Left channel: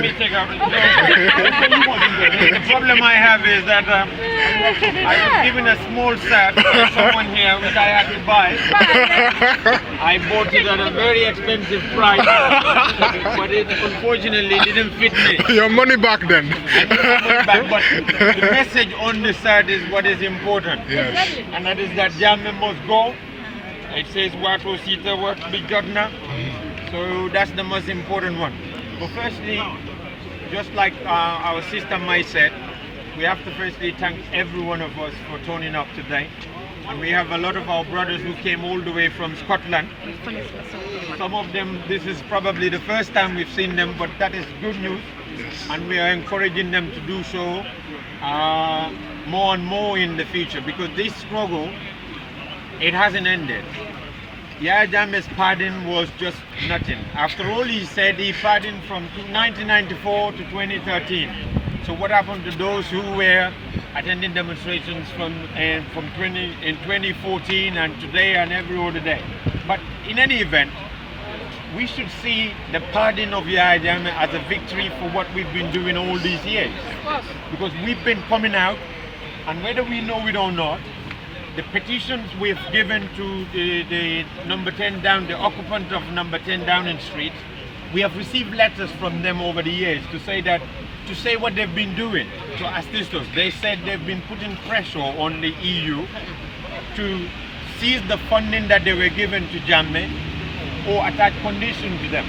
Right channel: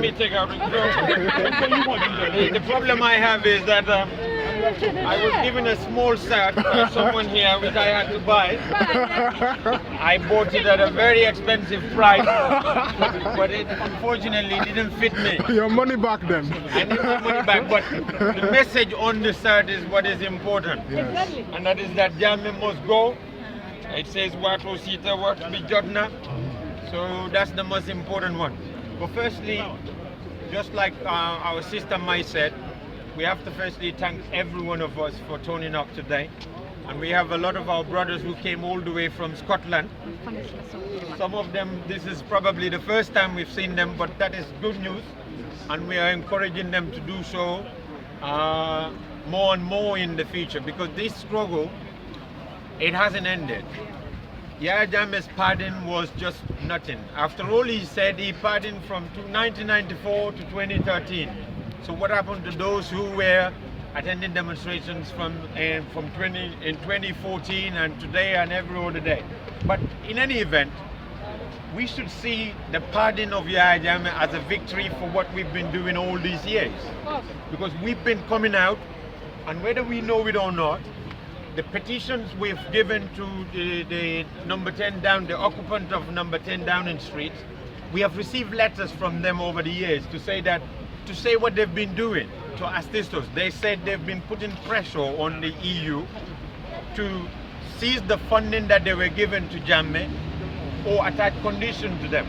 let me take out. The problem I have is that I was given a small set by someone here which I had to buy. I bought it at a very expensive price, but it unfortunately didn't fit me. Your money back then. I need my money back, but the message on the side is what is important. Yes. And that is that Jammeh must go. It says what was Sita, what be Jotna. So that's the most important one. But firstly, just like our sister Mai said, we have to firstly thank every one of us for turning up today. And we have a lot of our brothers who came all the way from Scotland. Some of them, this is probably the first time we've seen them, but that is good news. And we are encouraging them to do so more and more in the future, because this struggle, it hasn't ended. Yahya Jammeh's pardon was just nothing. After all, he said he pardoned from 1994 to 2013. So what happened to those who were attending demonstrations from 2014 and today and every other day? But in any event, we should see the pardon of Yahya Jammeh as a victory for what we've been doing all these years. Because we've been coming out, and whether we know it or not, the petitions we've given to the number 10 down, the occupant of number 10 Downing Street, we have received letters from them over the years to say what they've been doing to assist us. They said they've been putting pressure on the EU to seize the funding that they were given to Jammeh or attach conditions to them.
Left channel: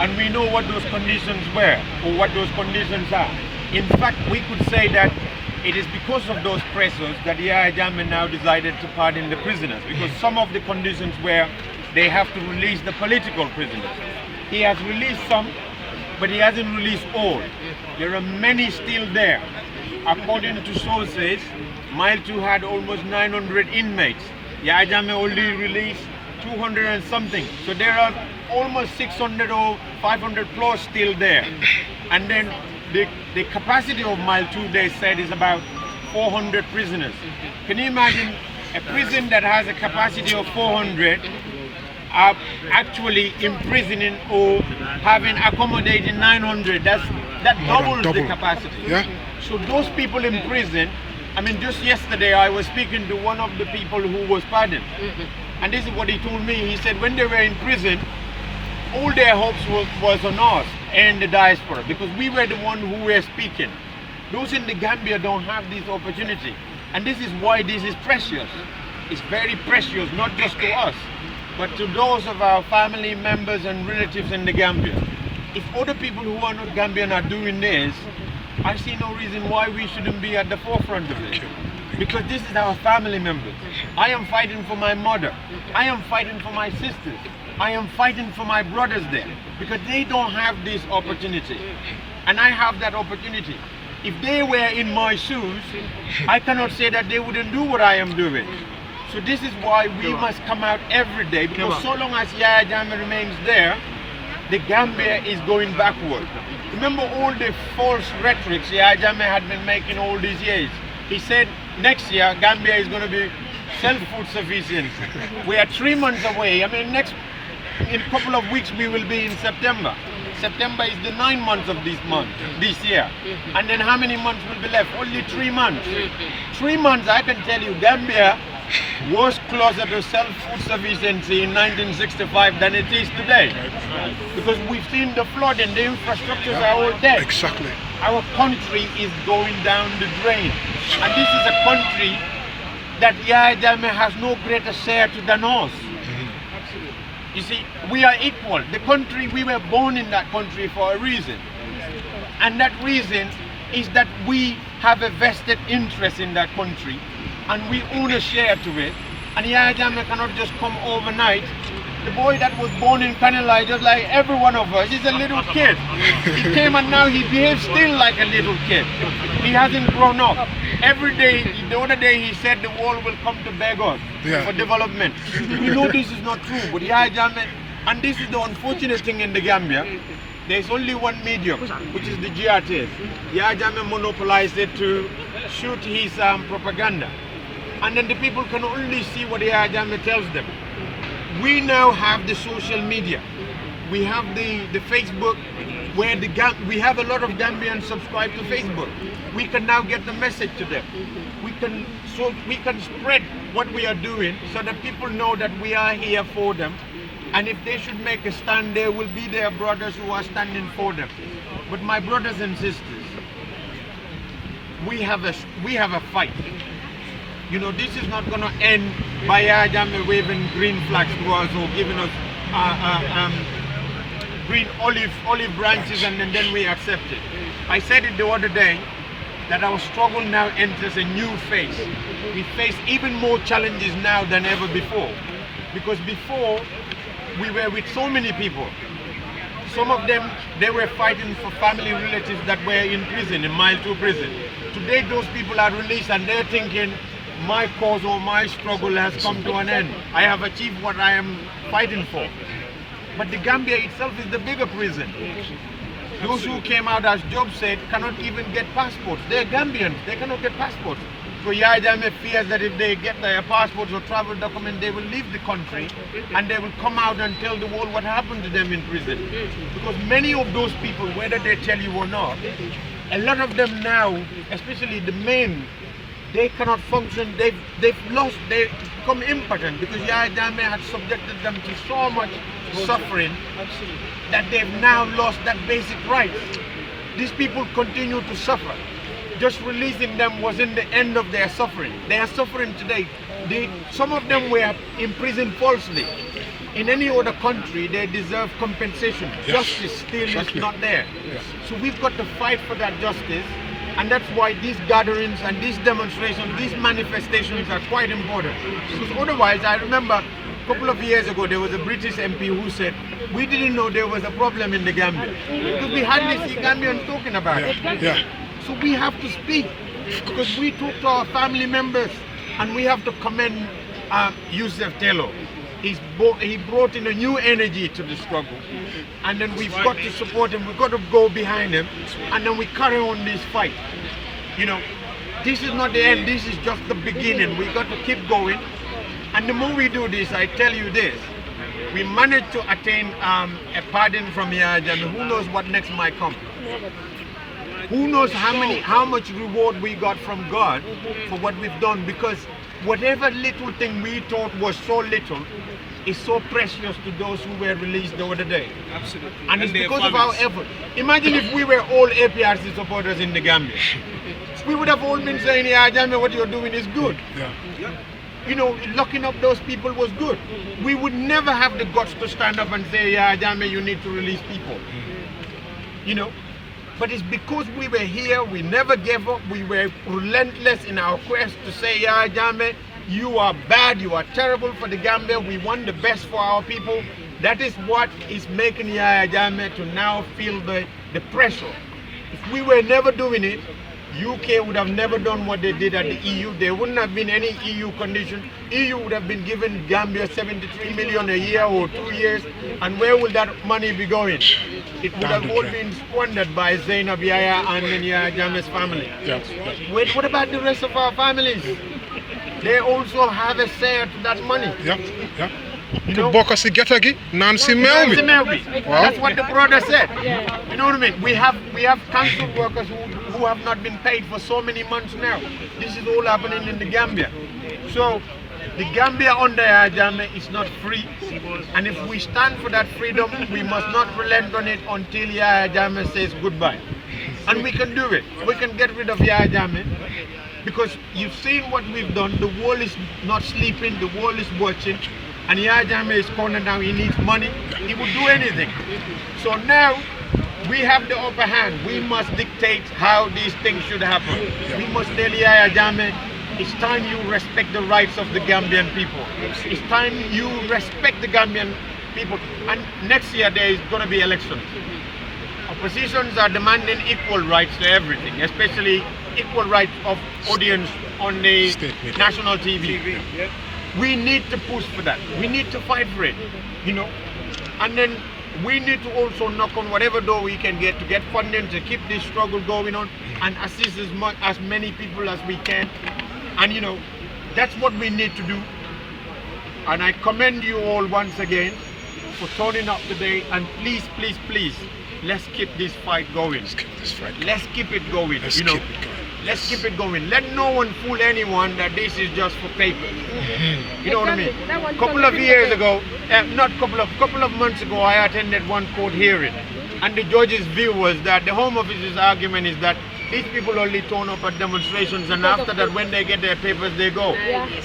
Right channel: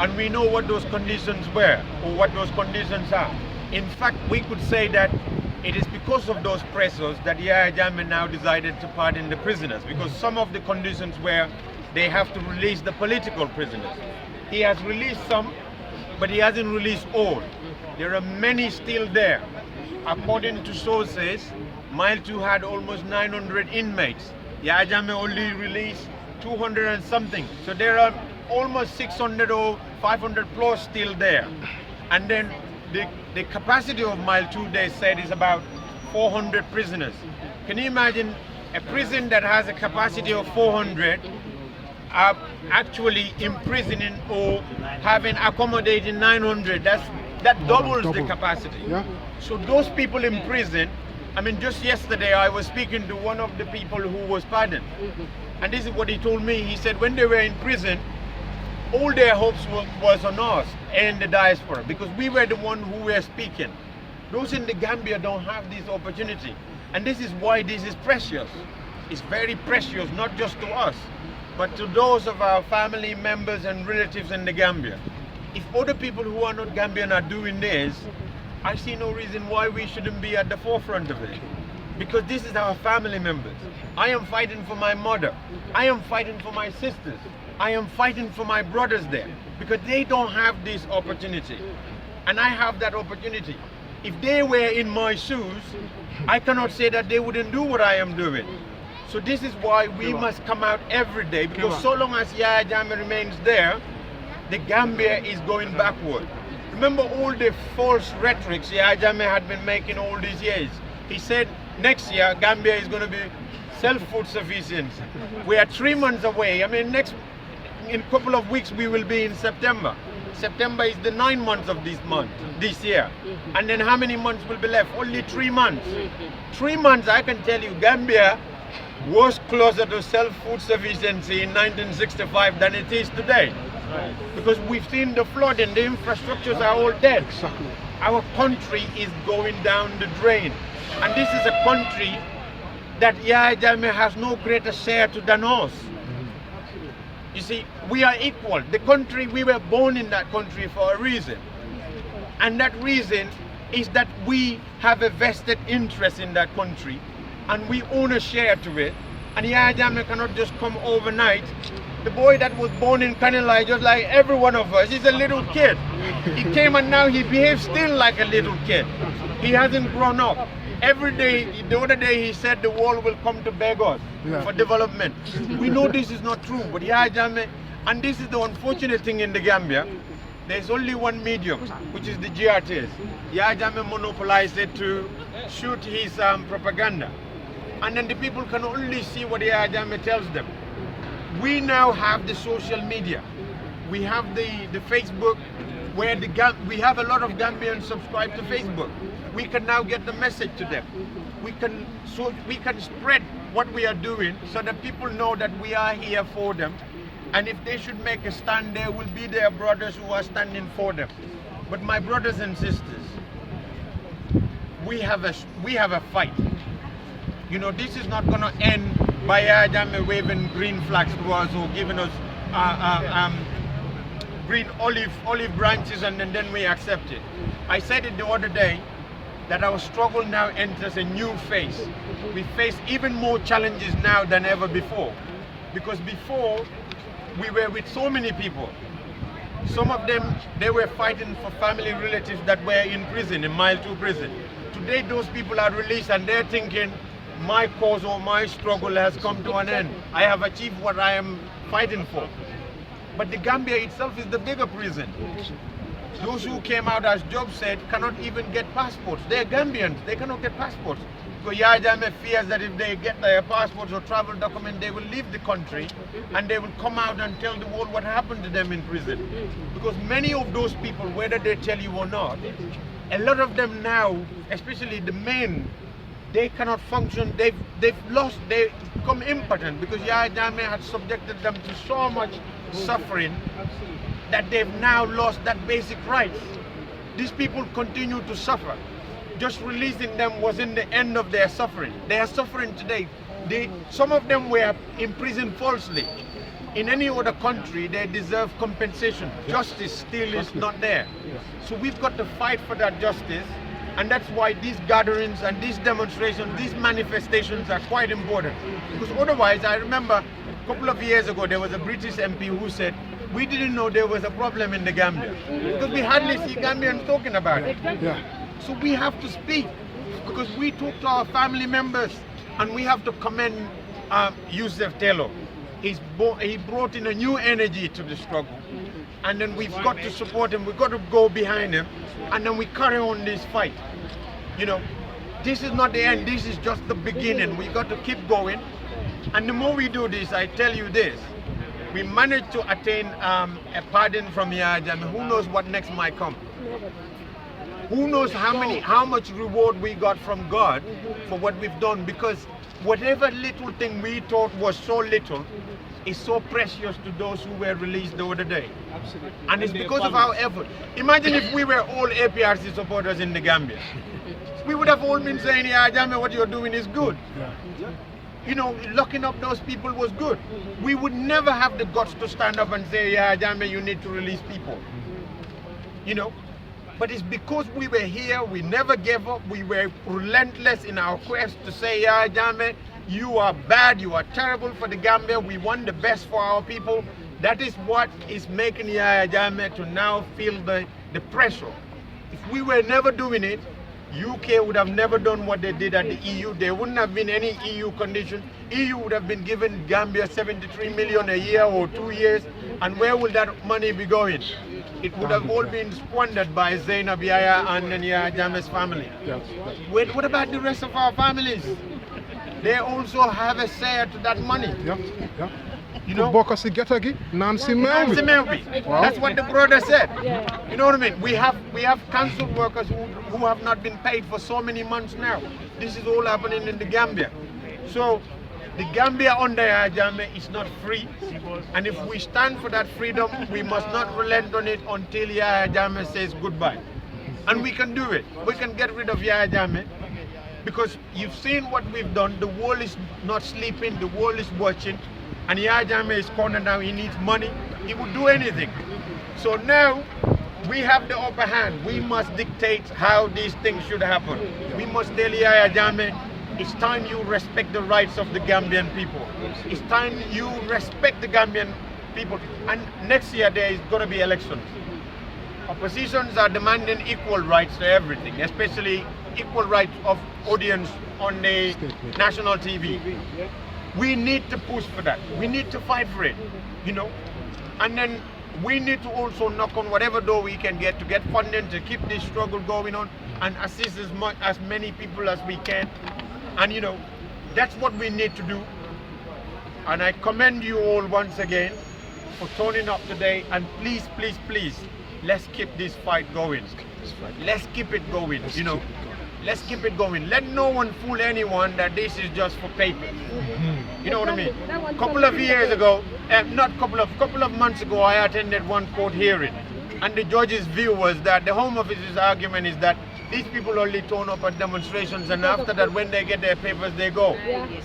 And we know what those conditions were, or what those conditions are. In fact, we could say that it is because of those pressures that Yahya Jammeh now decided to pardon the prisoners, because some of the conditions were they have to release the political prisoners. He has released some, but he hasn't released all. There are many still there. According to sources, Mile 2 had almost 900 inmates. Yahya Jammeh only released 200 and something. So there are almost 600 or 500 plus still there. And then the capacity of Mile 2, they said, is about 400 prisoners. Can you imagine a prison that has a capacity of 400 actually imprisoning or having accommodating 900? That doubles the capacity. Yeah. So those people in prison, I mean, just yesterday I was speaking to one of the people who was pardoned. And this is what he told me. He said when they were in prison, all their hopes was on us and the diaspora, because we were the one who were speaking. Those in the Gambia don't have this opportunity. And this is why this is precious. It's very precious, not just to us, but to those of our family members and relatives in the Gambia. If other people who are not Gambian are doing this, I see no reason why we shouldn't be at the forefront of it. Because this is our family members. I am fighting for my mother. I am fighting for my sisters. I am fighting for my brothers there, because they don't have this opportunity. And I have that opportunity. If they were in my shoes, I cannot say that they wouldn't do what I am doing. So this is why we must come out every day, because so long as Yahya Jammeh remains there, the Gambia is going backward. Remember all the false rhetorics Yahya Jammeh had been making all these years. He said next year Gambia is going to be self-food sufficient. We are 3 months away. I mean, in a couple of weeks we will be in September. September is the 9 months of this year. And then how many months will be left? Only 3 months. 3 months, I can tell you, Gambia was closer to self-food sufficiency in 1965 than it is today. Because we've seen the flooding, the infrastructures are all dead. Exactly. Our country is going down the drain. And this is a country that Yahya Jammeh has no greater share to than us. You see, we are equal. The country, we were born in that country for a reason. And that reason is that we have a vested interest in that country and we own a share to it. And Yahya Jammeh cannot just come overnight. The boy that was born in Kanilai, just like every one of us, is a little kid. He came and now he behaves still like a little kid. He hasn't grown up. Every day, the other day he said the world will come to beg us for development. We know this is not true, but Yahya Jammeh, and this is the unfortunate thing in the Gambia, there's only one medium, which is the GRTs. Yahya Jammeh monopolized it to shoot his propaganda. And then the people can only see what Yahya Jammeh tells them. We now have the social media. We have the Facebook, where we have a lot of Gambians subscribed to Facebook. We can now get the message to them. We can spread what we are doing so that people know that we are here for them. And if they should make a stand, there will be their brothers who are standing for them. But my brothers and sisters, we have a fight. You know, this is not going to end by Jammeh waving green flags to us or giving us green olive branches and then we accept it. I said it the other day that our struggle now enters a new phase. We face even more challenges now than ever before. Because before, we were with so many people. Some of them, they were fighting for family relatives that were in prison, in Mile 2 prison. Today, those people are released and they're thinking, my cause or my struggle has come to an end. I have achieved what I am fighting for. But the Gambia itself is the bigger prison. Those who came out, as Job said, cannot even get passports. They're Gambians, they cannot get passports. So Jammeh fears that if they get their passports or travel document, they will leave the country and they will come out and tell the world what happened to them in prison. Because many of those people, whether they tell you or not, a lot of them now, especially the men, they cannot function, they've become impotent because Jammeh had subjected them to so much suffering that they've now lost that basic right. These people continue to suffer. Just releasing them wasn't the end of their suffering. They are suffering today. Some of them were imprisoned falsely. In any other country, they deserve compensation. Yes. Justice still is not there. Yes. So we've got to fight for that justice. And that's why these gatherings and these demonstrations, these manifestations are quite important. Because otherwise, I remember a couple of years ago, there was a British MP who said, we didn't know there was a problem in the Gambia. Because we hardly see Gambians talking about it. Yeah. So we have to speak, because we talk to our family members, and we have to commend Yusuf Taylor. He brought in a new energy to the struggle, and then we've got to support him, we've got to go behind him, and then we carry on this fight. You know, this is not the end, this is just the beginning. We've got to keep going, and the more we do this, I tell you this, we managed to attain a pardon from Jammeh. Who knows what next might come? Who knows how much reward we got from God for what we've done, because whatever little thing we thought was so little is so precious to those who were released the other day. Absolutely. And it's because of our effort. Imagine if we were all APRC supporters in the Gambia. We would have all been saying, yeah, Jammeh, what you're doing is good. Yeah. You know, locking up those people was good. We would never have the guts to stand up and say, yeah, Jammeh, you need to release people. You know? But it's because we were here, we never gave up, we were relentless in our quest to say, yeah, Jammeh, you are bad, you are terrible for the Gambia, we want the best for our people. That is what is making Jammeh to now feel the pressure. If we were never doing it, UK would have never done what they did at the EU. There wouldn't have been any EU condition. EU would have been giving Gambia 73 million a year or 2 years. And where would that money be going? It would have all been squandered by Zainab Yahya and Jammeh's family. Yes. What about the rest of our families? They also have a share to that money. Yeah. You know, That's what the brother said. You know what I mean? We have council workers who have not been paid for so many months now. This is all happening in the Gambia. So the Gambia under Jammeh is not free. And if we stand for that freedom, we must not relent on it until Jammeh says goodbye. And we can do it. We can get rid of Jammeh. Because you've seen what we've done. The world is not sleeping. The world is watching. And Jammeh is cornered now, he needs money, he would do anything. So now, we have the upper hand. We must dictate how these things should happen. We must tell Jammeh, it's time you respect the rights of the Gambian people. It's time you respect the Gambian people. And next year there is going to be elections. Oppositions are demanding equal rights to everything, especially equal rights of audience on the national TV. We need to push for that. We need to fight for it, you know. And then we need to also knock on whatever door we can get to get funding to keep this struggle going on and assist as many people as we can. And you know, that's what we need to do. And I commend you all once again for turning up today. And please, please, please, let's keep this fight going. Let's keep this fight going. Let's keep it going. Let's you know, keep it going. let's keep it going. Let no one fool anyone that this is just for paper. You know what I mean? Couple of years ago, couple of months ago, I attended one court hearing, and the judge's view was that the Home Office's argument is that these people only turn up at demonstrations, and after that, when they get their papers, they go.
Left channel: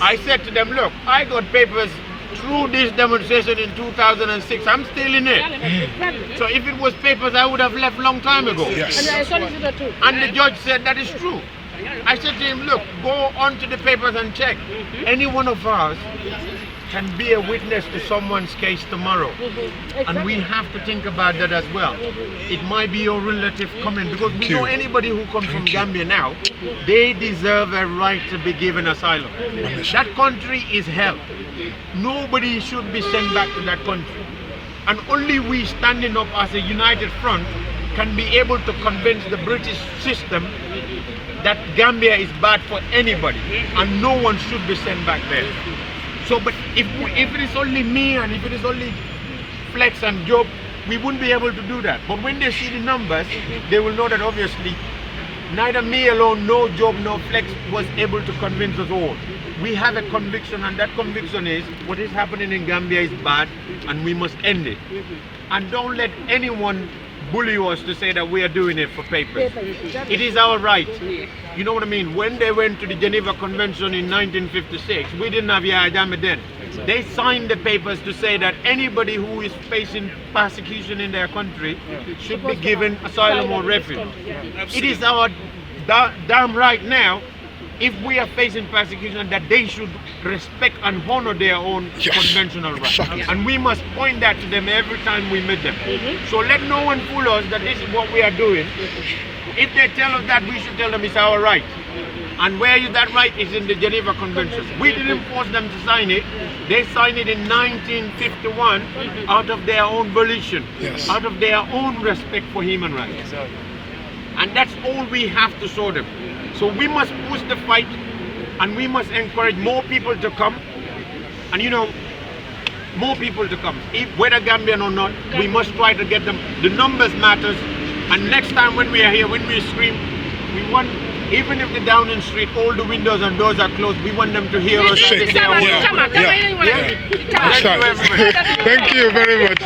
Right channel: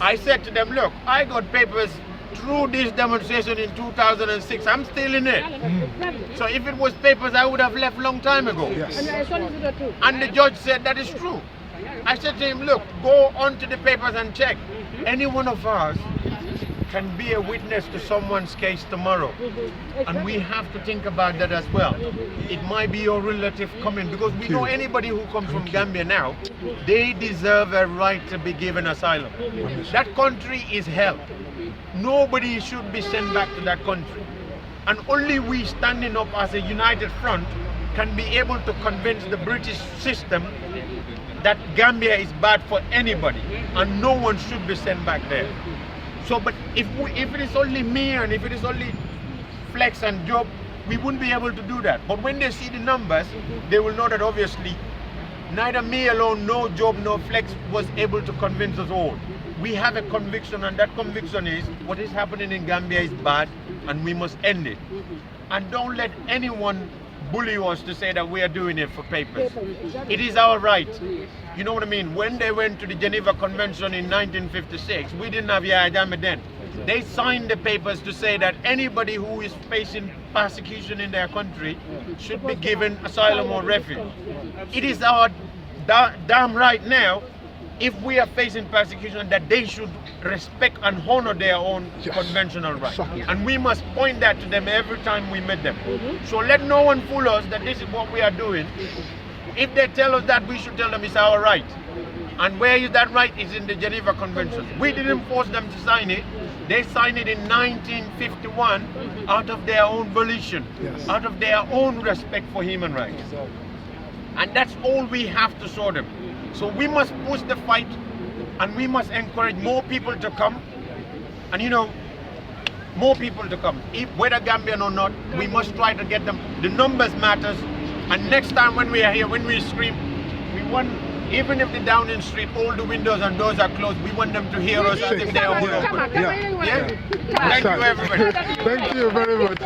I said to them, look, I got papers through this demonstration in 2006. I'm still in it. So if it was papers, I would have left long time ago. Yes. And the judge said that is true. I said to him, look, go onto the papers and check. Any one of us can be a witness to someone's case tomorrow. And we have to think about that as well. It might be your relative coming, because we know anybody who comes from Gambia now, they deserve a right to be given asylum. That country is hell. Nobody should be sent back to that country. And only we standing up as a united front can be able to convince the British system that Gambia is bad for anybody and no one should be sent back there. So, but if it is only me and if it is only Flex and Job, we wouldn't be able to do that. But when they see the numbers, they will know that obviously neither me alone, no Job, no Flex was able to convince us all. We have a conviction, and that conviction is what is happening in Gambia is bad and we must end it. And don't let anyone bully us to say that we are doing it for papers. It is our right. You know what I mean? When they went to the Geneva Convention in 1956, we didn't have Jammeh then. They signed the papers to say that anybody who is facing persecution in their country should be given asylum or refuge. It is our damn right now, if we are facing persecution, that they should respect and honor their own conventional rights. And we must point that to them every time we meet them. So let no one fool us that this is what we are doing. If they tell us that, we should tell them it's our right. And where is that right? Is in the Geneva Convention. We didn't force them to sign it. They signed it in 1951 out of their own volition, out of their own respect for human rights. And that's all we have to show them. So we must push the fight, and we must encourage more people to come. And you know, more people to come. Whether Gambian or not, we must try to get them. The numbers matters. And next time when we are here, when we scream, we want, even if the Downing Street, all the windows and doors are closed, we want them to hear us. Thank you very much.